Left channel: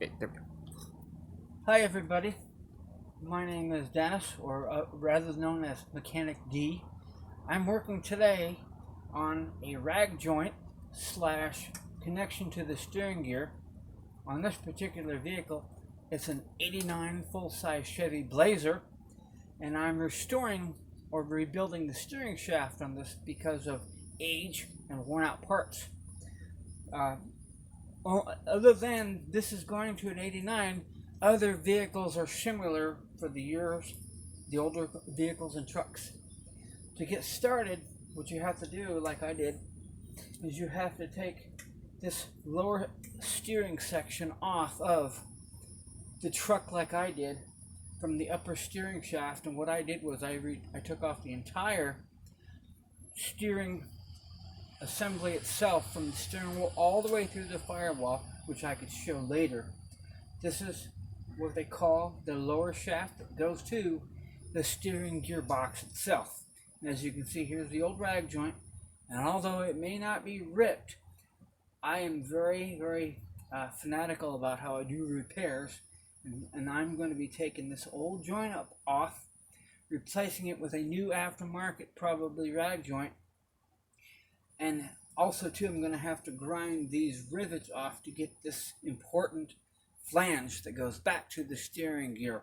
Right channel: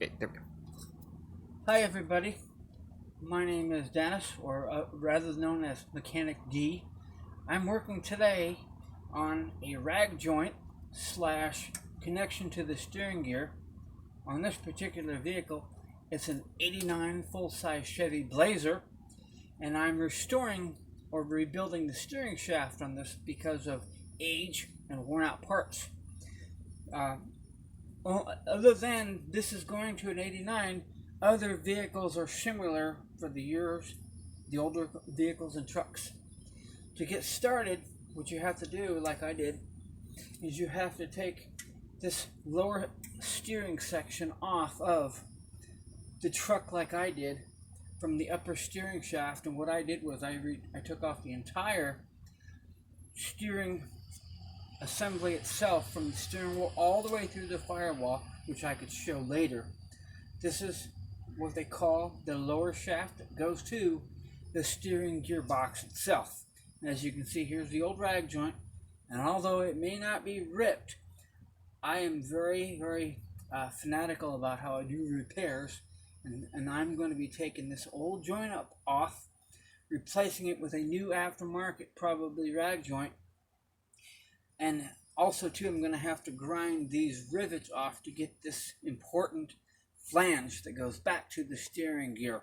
Okay, there we go. Hi everybody, my name is Dennis, or rather known as Mechanic D. I'm working today on a rag joint slash connection to the steering gear. On this particular vehicle, it's an 89 full-size Chevy Blazer, and I'm restoring or rebuilding the steering shaft on this because of age and worn out parts. Uh, Other than this is going to an 89, other vehicles are similar for the years, the older vehicles and trucks. To get started, what you have to do, like I did, is you have to take this lower steering section off of the truck like I did from the upper steering shaft. And what I did was I took off the entire steering assembly itself from the steering wheel all the way through the firewall, which I could show later. This is what they call the lower shaft that goes to the steering gearbox itself. And as you can see, here's the old rag joint, and although it may not be ripped, I am very fanatical about how I do repairs, and I'm going to be taking this old joint off, replacing it with a new aftermarket, probably rag joint. And also too, I'm going to have to grind these rivets off to get this important flange that goes back to the steering gear.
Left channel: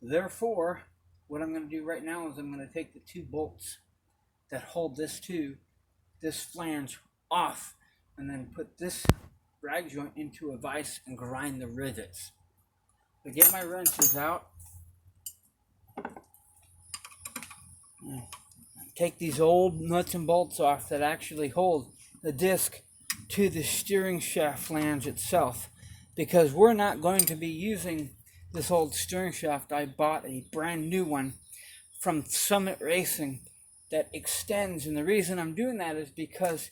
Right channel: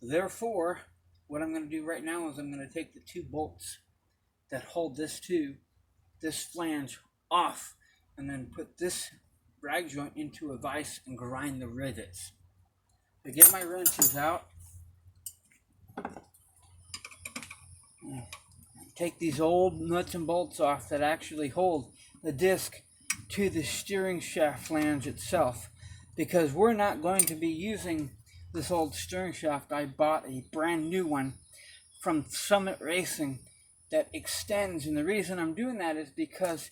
Therefore, what I'm going to do right now is I'm going to take the two bolts that hold this to this flange off, and then put this rag joint into a vise and grind the rivets. To get my wrenches out, take these old nuts and bolts off that actually hold the disc to the steering shaft flange itself, because we're not going to be using this old steering shaft. I bought a brand new one from Summit Racing that extends, and the reason I'm doing that is because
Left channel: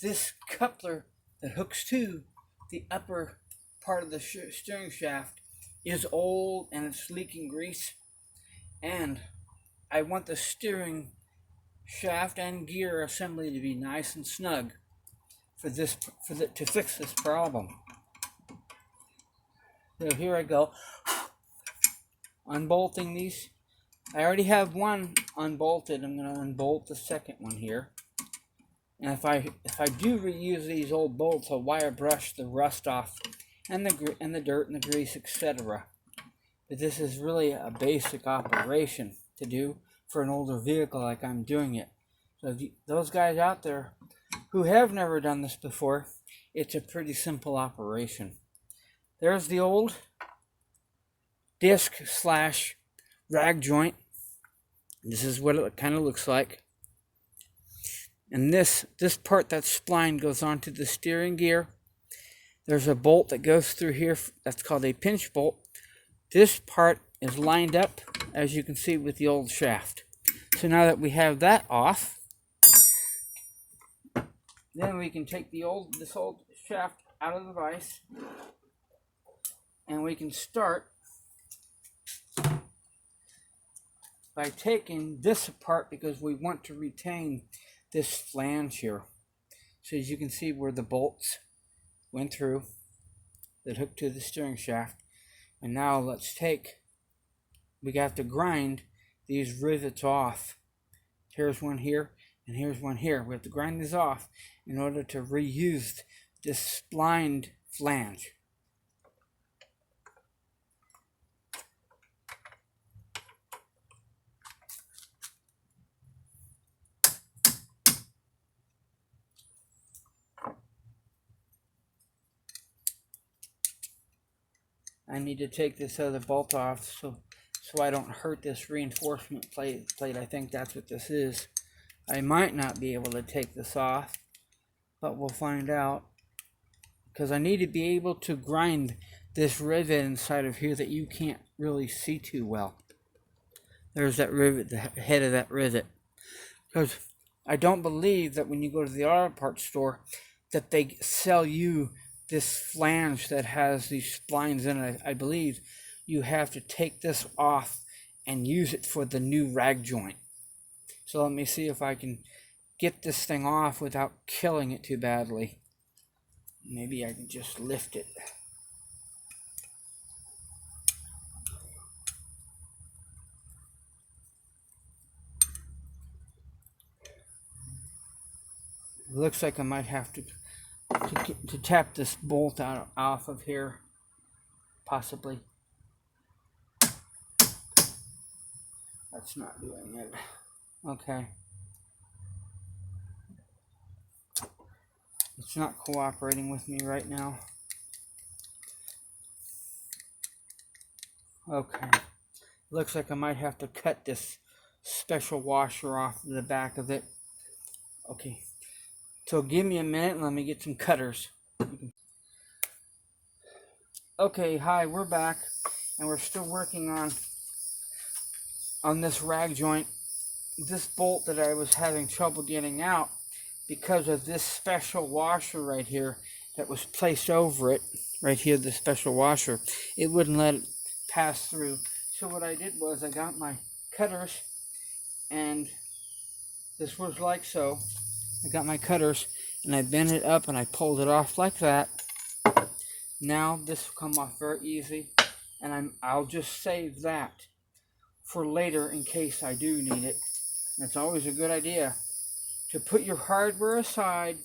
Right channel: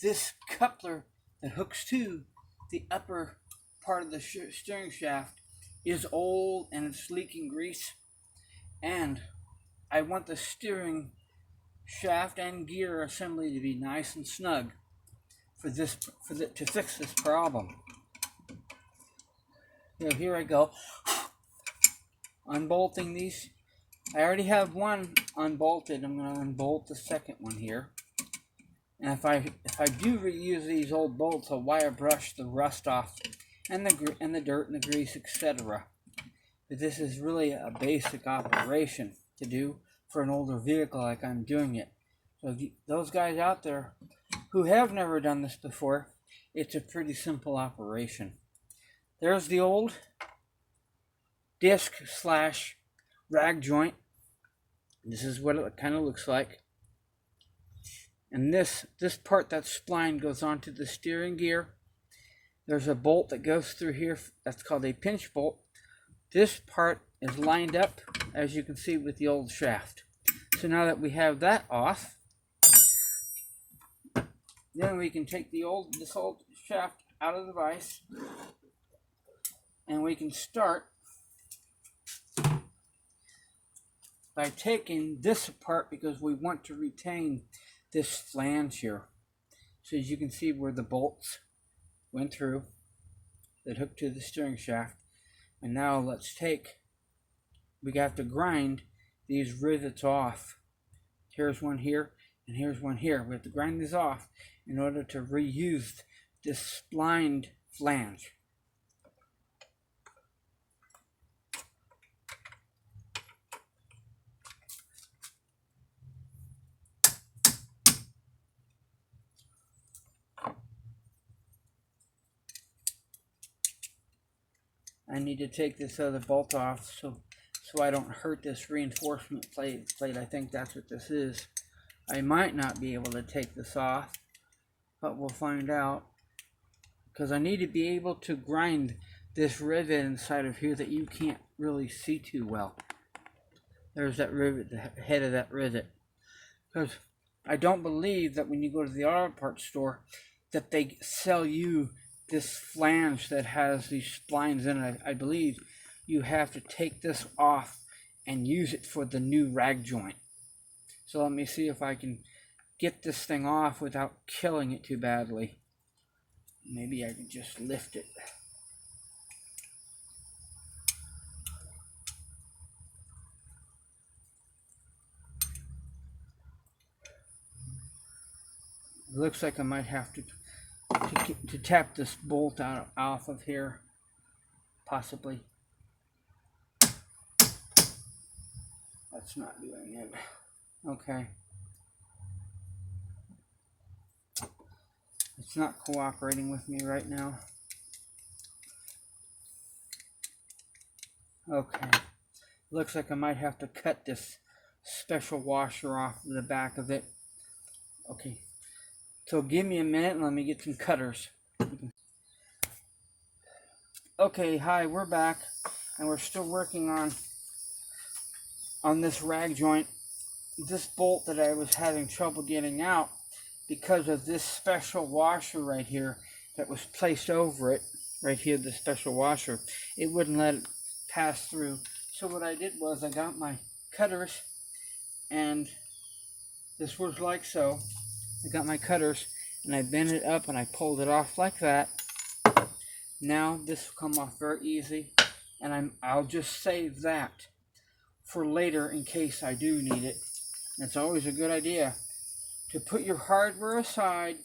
this coupler that hooks to the upper part of the steering shaft is old and it's leaking grease, and I want the steering shaft and gear assembly to be nice and snug to fix this problem. So here I go, unbolting these. I already have one unbolted. I'm going to unbolt the second one here. And if I do reuse these old bolts, I'll wire brush the rust off and the dirt and the grease, etc. But this is really a basic operation to do for an older vehicle like I'm doing it. So those guys out there who have never done this before, it's a pretty simple operation. There's the old disc slash rag joint. This is what it kind of looks like. And this part that's splined goes onto the steering gear. There's a bolt that goes through here that's called a pinch bolt. This part is lined up, as you can see, with the old shaft. So now that we have that off, then we can take this old shaft out of the vise, and we can start by taking this apart, because we want to retain this flange here. So as you can see where the bolts went through that hooked to the steering shaft. And now we have to grind these rivets off. Here's one here, and here's one here. We have to grind these off in order to reuse this splined flange. I need to take this other bolt off so I don't hurt this reinforcement plate. I think that's what this is. I might not be able to take this off, but we'll find out, because I need to be able to grind this rivet inside of here that you can't really see too well. There's that rivet, the head of that rivet. Because I don't believe that when you go to the auto parts store that they sell you this flange that has these splines in it. I believe you have to take this off and use it for the new rag joint. So let me see if I can get this thing off without killing it too badly. Maybe I can just lift it. looks like I might have to tap this bolt out off of here, possibly. That's not doing it. Okay. It's not cooperating with me right now. Okay. Looks like I might have to cut this special washer off the back of it. Okay. So give me a minute and let me get some cutters. Okay, hi, we're back. And we're still working on this rag joint. This bolt that I was having trouble getting out because of this special washer right here that was placed over it. Right here, the special washer. It wouldn't let it pass through. So what I did was I got my cutters, and this was like so. I got my cutters and I bent it up and I pulled it off like that. Now this will come off very easy, and I'll just save that for later in case I do need it. And it's always a good idea to put your hardware aside.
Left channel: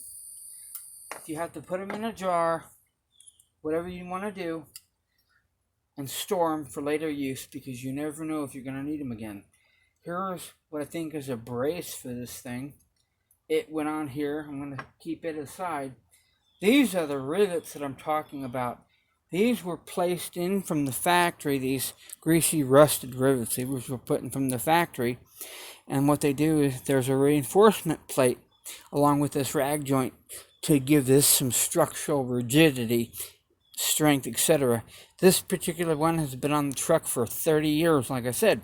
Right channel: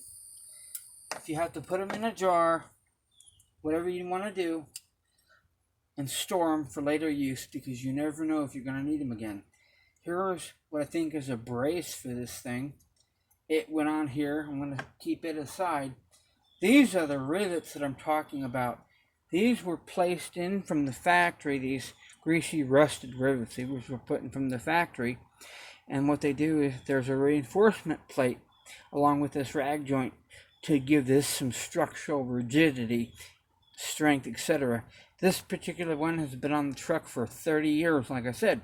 If you have to put them in a jar, whatever you want to do, and store them for later use, because you never know if you're going to need them again. Here's what I think is a brace for this thing. It went on here. I'm going to keep it aside. These are the rivets that I'm talking about. These were placed in from the factory, these greasy rusted rivets. These were put in from the factory. And what they do is there's a reinforcement plate along with this rag joint to give this some structural rigidity, strength, etc. This particular one has been on the truck for 30 years, like I said.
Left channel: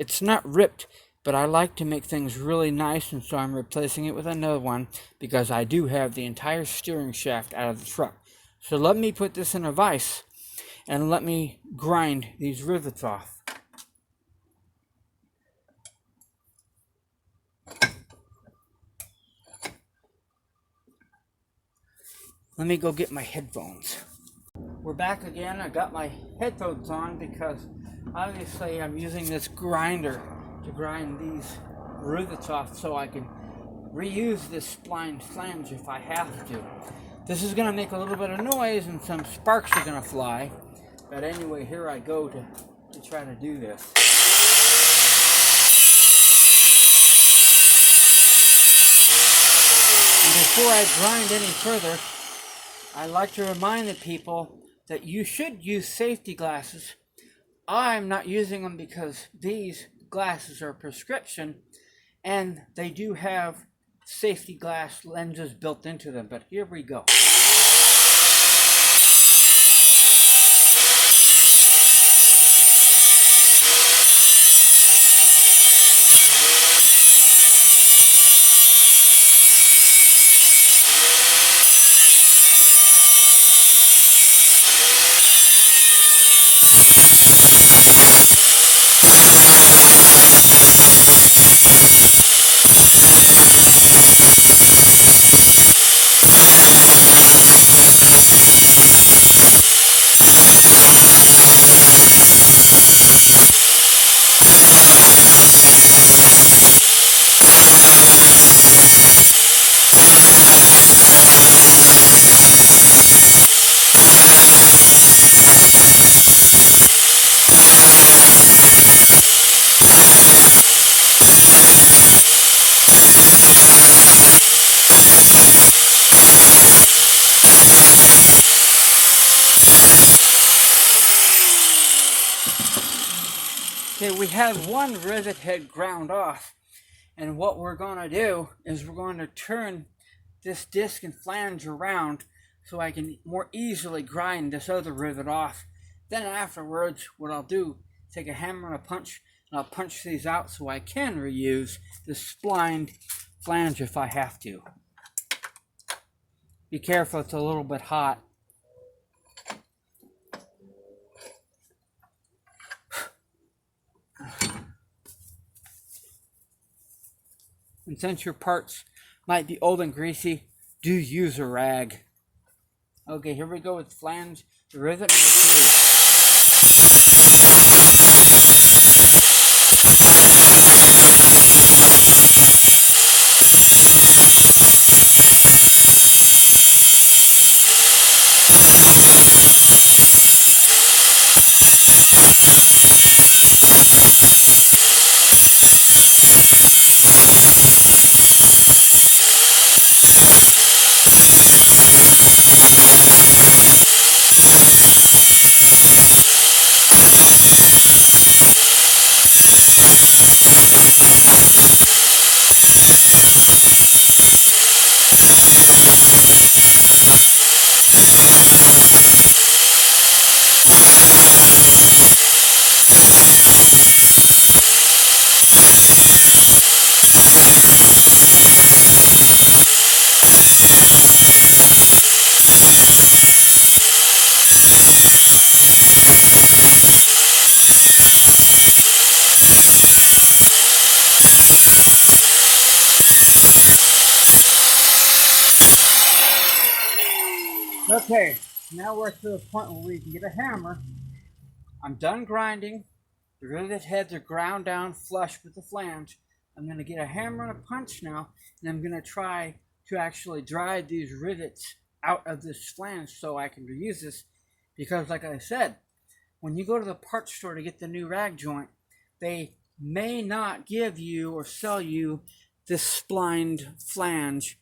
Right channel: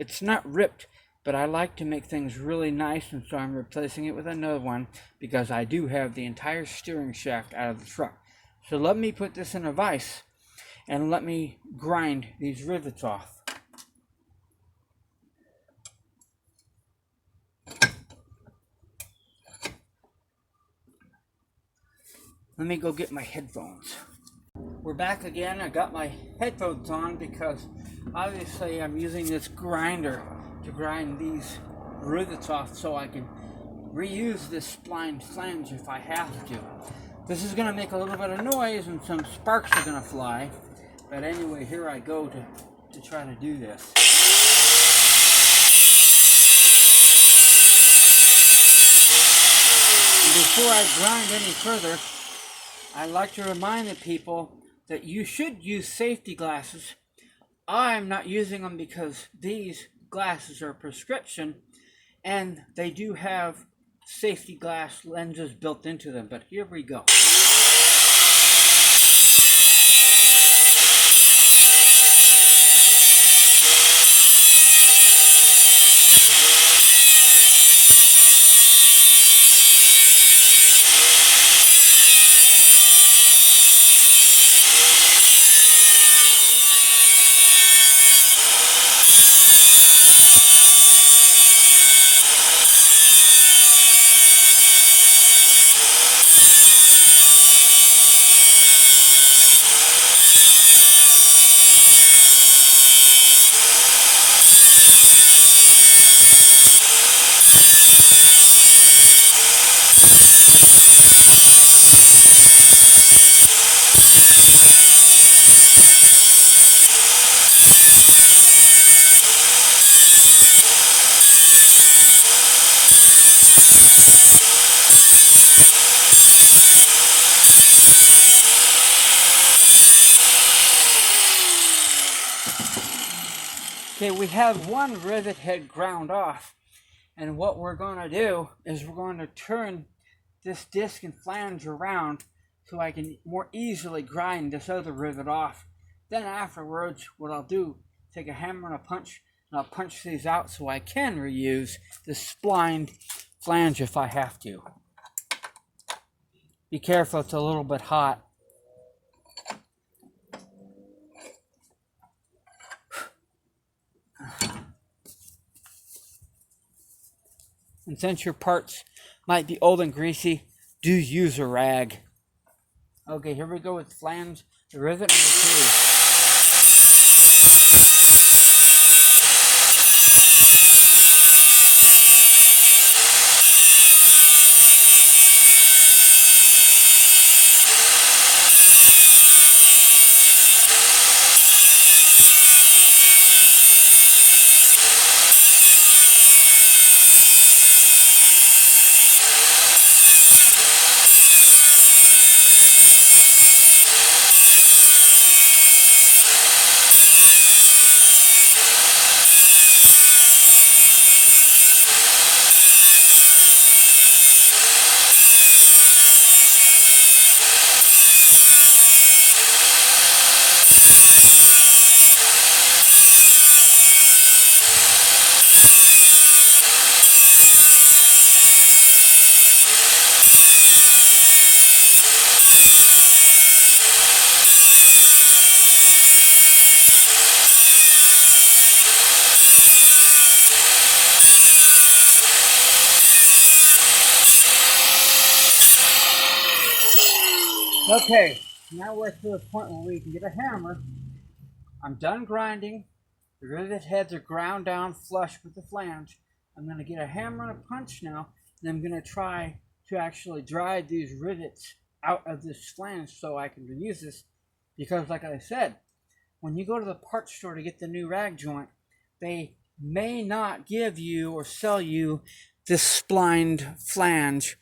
It's not ripped, but I like to make things really nice, and so I'm replacing it with another one because I do have the entire steering shaft out of the truck. So let me put this in a vise and let me grind these rivets off. Let me go get my headphones. We're back again. I got my headphones on because obviously I'm using this grinder to grind these rivets off so I can reuse this spline flange if I have to. This is going to make a little bit of noise and some sparks are going to fly. But anyway, here I go to try to do this. And before I grind any further, I like to remind the people that you should use safety glasses. I'm not using them because these glasses are prescription and they do have safety glass lenses built into them, but here we go. Okay, we have one rivet head ground off, and what we're going to do is we're going to turn this disc and flange around so I can more easily grind this other rivet off. Then afterwards, what I'll do, take a hammer and a punch, and I'll punch these out so I can reuse this splined flange if I have to. Be careful, it's a little bit hot. And since your parts might be old and greasy, do use a rag. Okay, here we go with flange, the rivet number 2. Okay, now we're to the point where we can get a hammer. I'm done grinding. The rivet heads are ground down flush with the flange. I'm going to get a hammer and a punch now, and I'm going to try to actually drive these rivets out of this flange so I can reuse this. Because like I said, when you go to the parts store to get the new rag joint, they may not give you or sell you this splined flange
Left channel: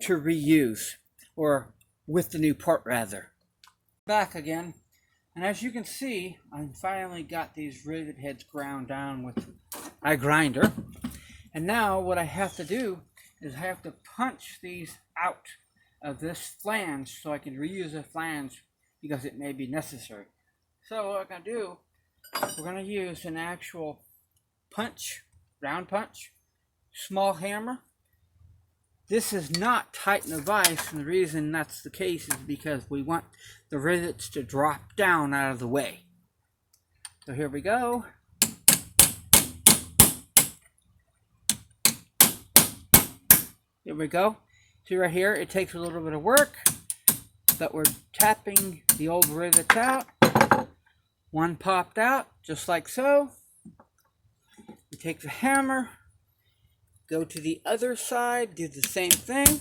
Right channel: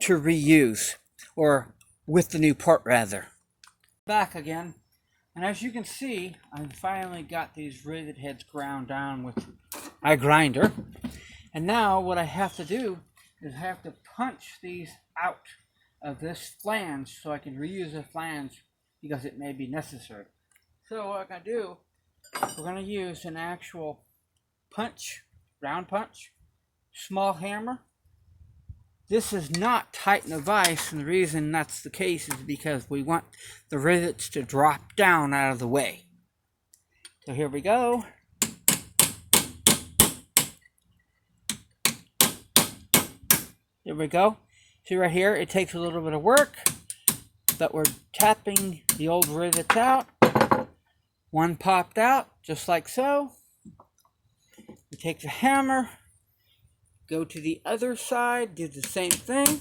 to reuse, or with the new part rather. Back again, and as you can see, I finally got these rivet heads ground down with my grinder. And now what I have to do is I have to punch these out of this flange so I can reuse the flange because it may be necessary. So what I'm going to do, we're going to use an actual punch, round punch, small hammer. This is not Titan vise, and the reason that's the case is because we want the rivets to drop down out of the way. So here we go. Here we go. See right here, it takes a little bit of work, but we're tapping the old rivets out. One popped out, just like so. We take the hammer, go to the other side, do the same thing.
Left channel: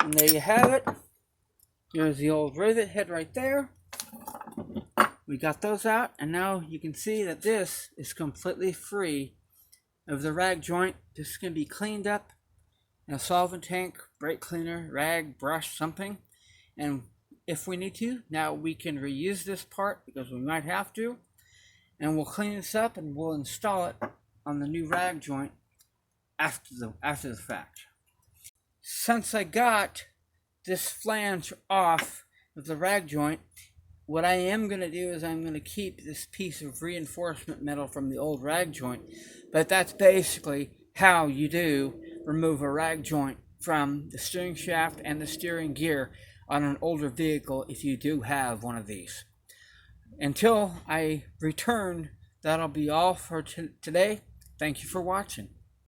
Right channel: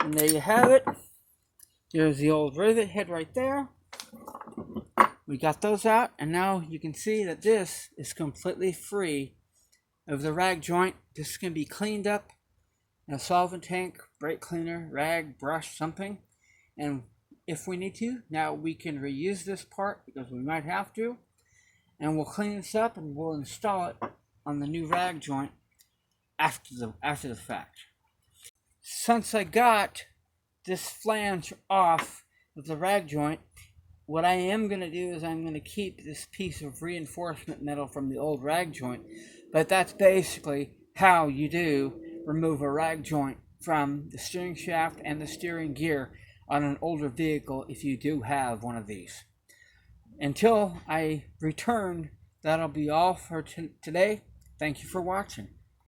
And there you have it. Here's the old rivet head right there. We got those out, and now you can see that this is completely free of the rag joint. This can be cleaned up in a solvent tank, brake cleaner, rag, brush, something. And if we need to, now we can reuse this part because we might have to. And we'll clean this up and we'll install it on the new rag joint after the fact. Since I got this flange off of the rag joint, what I am going to do is I'm going to keep this piece of reinforcement metal from the old rag joint. But that's basically how you do remove a rag joint from the steering shaft and the steering gear on an older vehicle if you do have one of these. Until I return, that'll be all for today. Thank you for watching.